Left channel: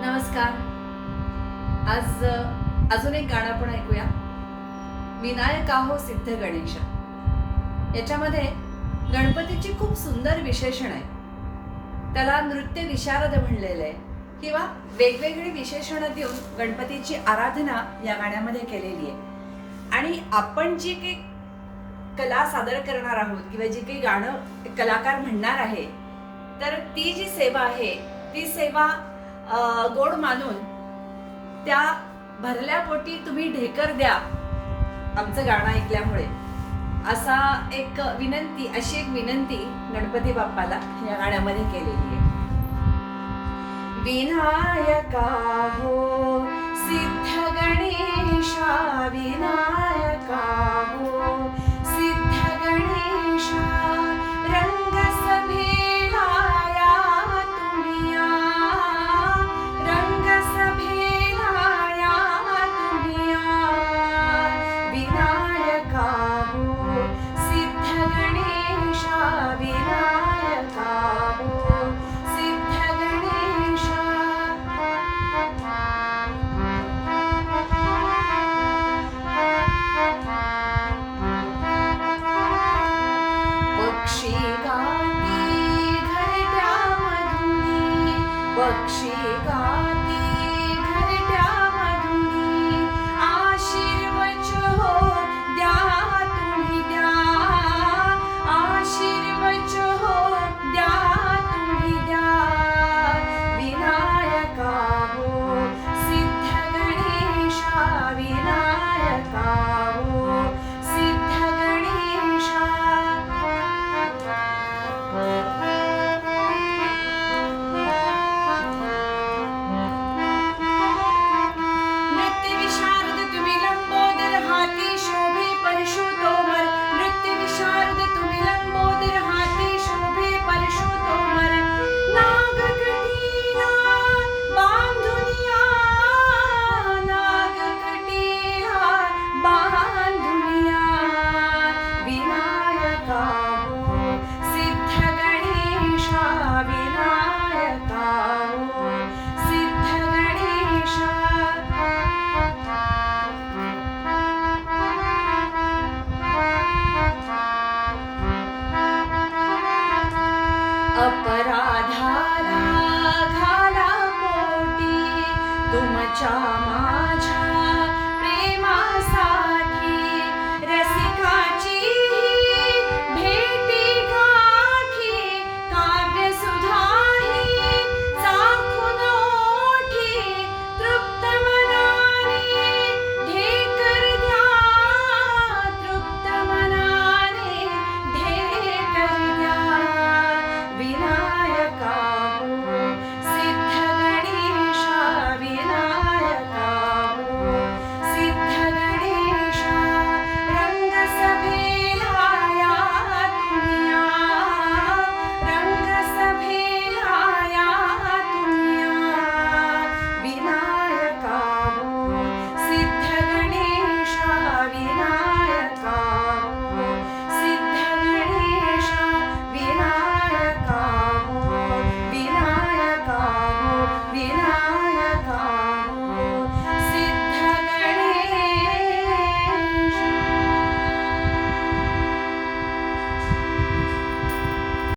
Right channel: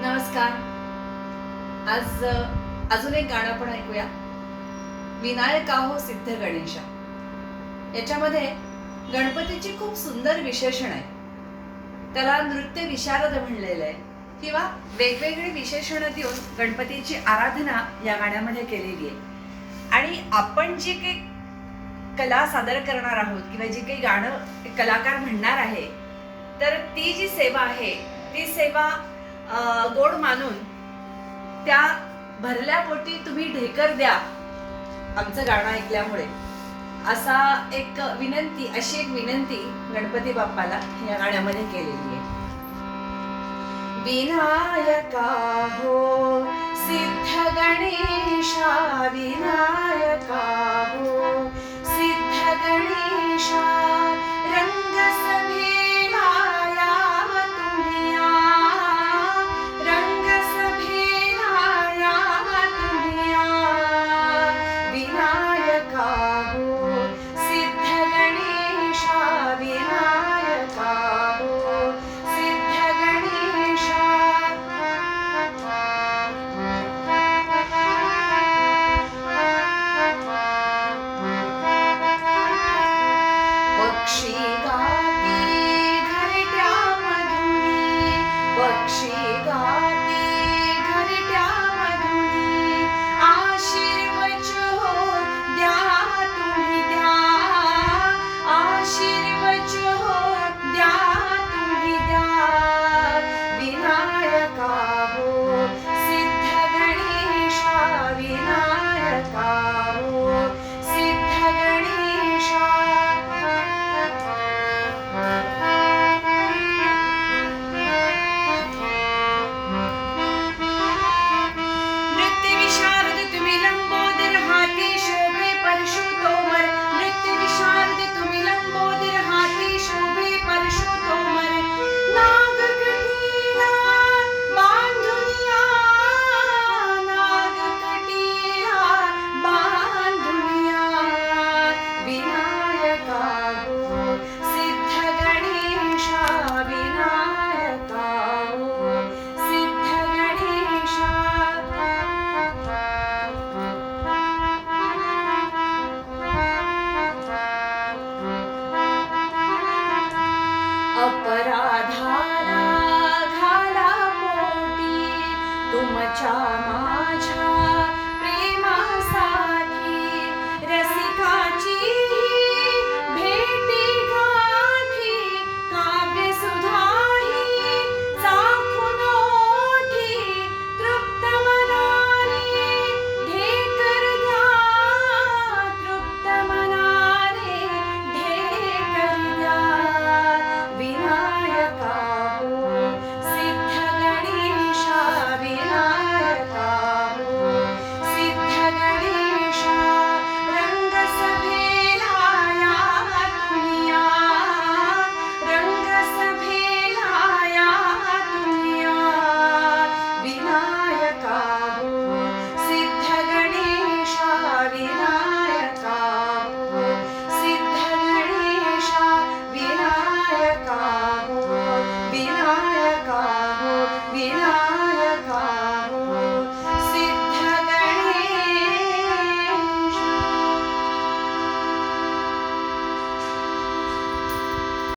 नमस्कार. आज अजून एक गाणं आपण ऐकूया. विनायका हो सिद्ध गणेश. याच्यामध्ये गणपतीची खूप सुंदर विशेषण आहे. त्याला नृत्य विशारद म्हणलेलं आहे किंवा वेगवेगळी विशेषणं देऊन गणपतीची आराधना या गाण्यामध्ये केलेली आहे. आणि आपण जी काही कला सादर करणार आहोत किंवा जी काही गाणं कलाकार म्हणणार आहे, तर ती जी सेवा आहे ती सेवा गोड मानून त्या भरल्या पोटी तुम्ही ढेकर द्या आमचं गाणं ऐकल्यामुळे, अशी एक विनंती गणपती बाप्पाला या गाण्यामध्ये केलेली आहे. विनायका हो सिद्ध गणेशा, विनायका हो सिद्ध गणेशा, रंग सभेला याव तुम्ही या, रंग सभेला याव तुम्ही या. विनायका हो सिद्ध गणेशा, विनायका हो सिद्ध गणेशा. पक्षी गाती घरट्यामधून, पक्षी